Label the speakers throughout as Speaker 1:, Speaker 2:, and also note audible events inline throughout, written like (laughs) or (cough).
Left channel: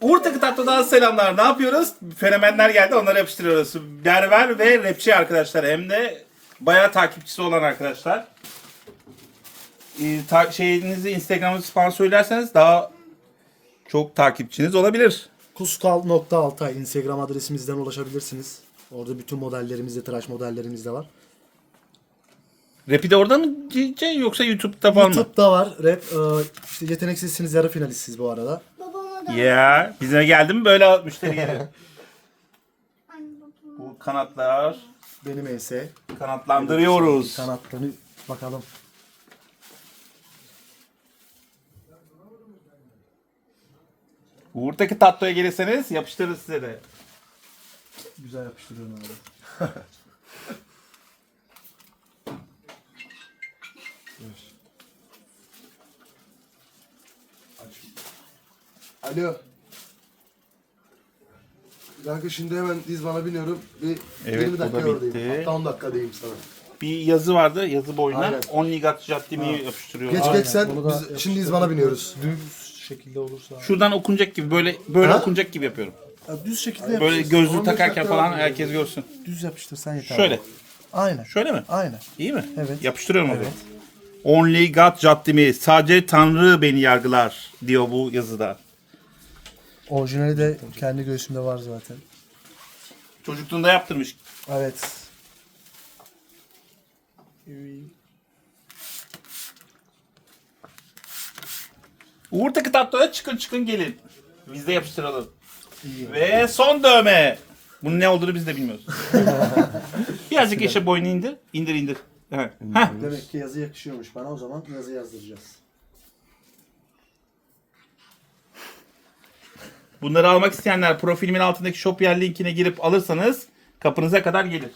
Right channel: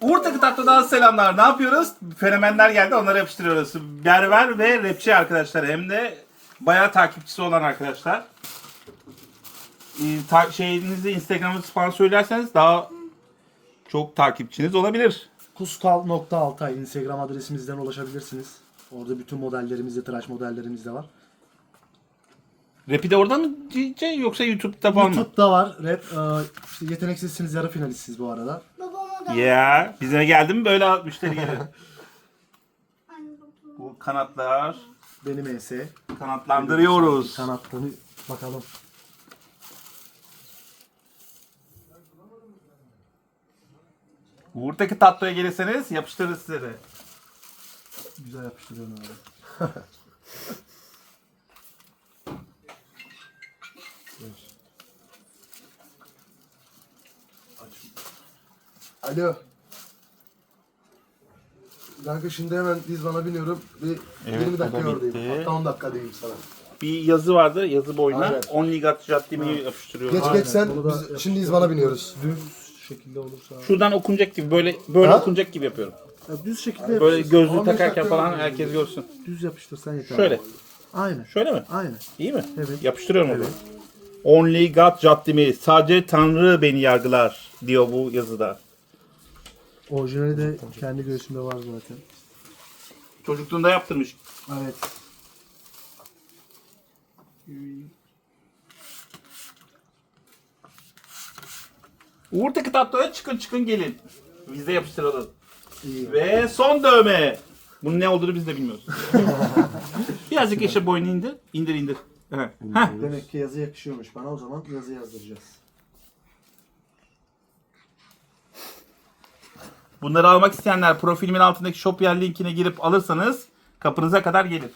Speaker 1: Uğur Takı Tatlı'dan selamlar. Ne yapıyoruz? Fenomenler geldi onları yapıştırıyoruz. Berber ve rapçi arkadaşlar. Hem de bayağı takipçisi olan arkadaşlar. Ee, ta- şeyinizi Instagram'ı söylerseniz daha çok takipçiniz olabilir.
Speaker 2: Kuskal.altay Instagram adresimizden ulaşabilirsiniz. Orada bütün modellerimiz de tıraş modellerimiz de var.
Speaker 1: Rap'i de orada mı diyeceksin yoksa YouTube'da falan mı?
Speaker 2: YouTube'da var rap. Ee, işte yeteneksizsiniz yarı finalistsiz bu arada.
Speaker 1: Ya bize geldi mi böyle müşteri
Speaker 3: babama. (laughs)
Speaker 1: Bu kanatlar
Speaker 2: Benim ense.
Speaker 1: kanatlandırıyoruz.
Speaker 2: Kanatlarını bakalım.
Speaker 1: Uğur Takı Tatlı'ya gelirseniz yapıştırırız size de.
Speaker 2: Güzel yapıştırıyorum abi. (laughs)
Speaker 4: Alo. Kanka şimdi hemen diz bana biniyorum. Bir
Speaker 1: Evet,
Speaker 4: 20
Speaker 1: o
Speaker 4: dakika
Speaker 1: da
Speaker 4: oradayım.
Speaker 1: bitti.
Speaker 4: Hatta 10 dakika diyeyim sana.
Speaker 1: Bir yazı vardı yazı boyuna.
Speaker 4: Aynen.
Speaker 1: 10 ligat caddemi yapıştırıyoruz.
Speaker 4: Geç geç sen. Biz şimdi bana biniyoruz.
Speaker 2: Düz şekilde olursa.
Speaker 1: Şuradan okunacak gibi böyle böyle
Speaker 4: Ha?
Speaker 1: okunacak gibi yapıyorum.
Speaker 2: Ha, düz şekilde
Speaker 1: Böyle
Speaker 2: yapıştır.
Speaker 1: gözlüğü
Speaker 4: 15
Speaker 1: takarken
Speaker 4: dakika
Speaker 1: falan
Speaker 4: var.
Speaker 1: herkes görsün.
Speaker 2: Düz yapıştırsan yeter.
Speaker 1: Şöyle.
Speaker 2: Aynen.
Speaker 1: Şöyle mi?
Speaker 2: Aynen.
Speaker 1: İyi mi?
Speaker 2: Evet.
Speaker 1: Yapıştırıyorum zaman. Only God caddemi. Sadece Tanrı beni yargılar diyor bu yazıda.
Speaker 2: Orijinali de kendi göğsümde var zaten.
Speaker 1: Çocukluğunda yaptırmış.
Speaker 2: Evet.
Speaker 1: Uğur Takı Tatlı'ya çıkın çıkın gelin. Biz de yapıştıralım. Ve son dövme. Bunun ne olduğunu biz de bilmiyoruz. (laughs) Birazcık işte boynu indir. İndir indir. Heh.
Speaker 2: Demek ki yazı yakışıyormuş bana. O zaman yazı yazdıracağız.
Speaker 1: Bunları almak isteyenler profilimin altındaki shop yer linkine girip alırsanız kapınıza kadar gelir.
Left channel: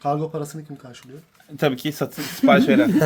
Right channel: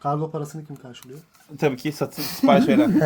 Speaker 2: Kargo parasını kim karşılıyor?
Speaker 1: Tabii ki satın sipariş veren. (laughs)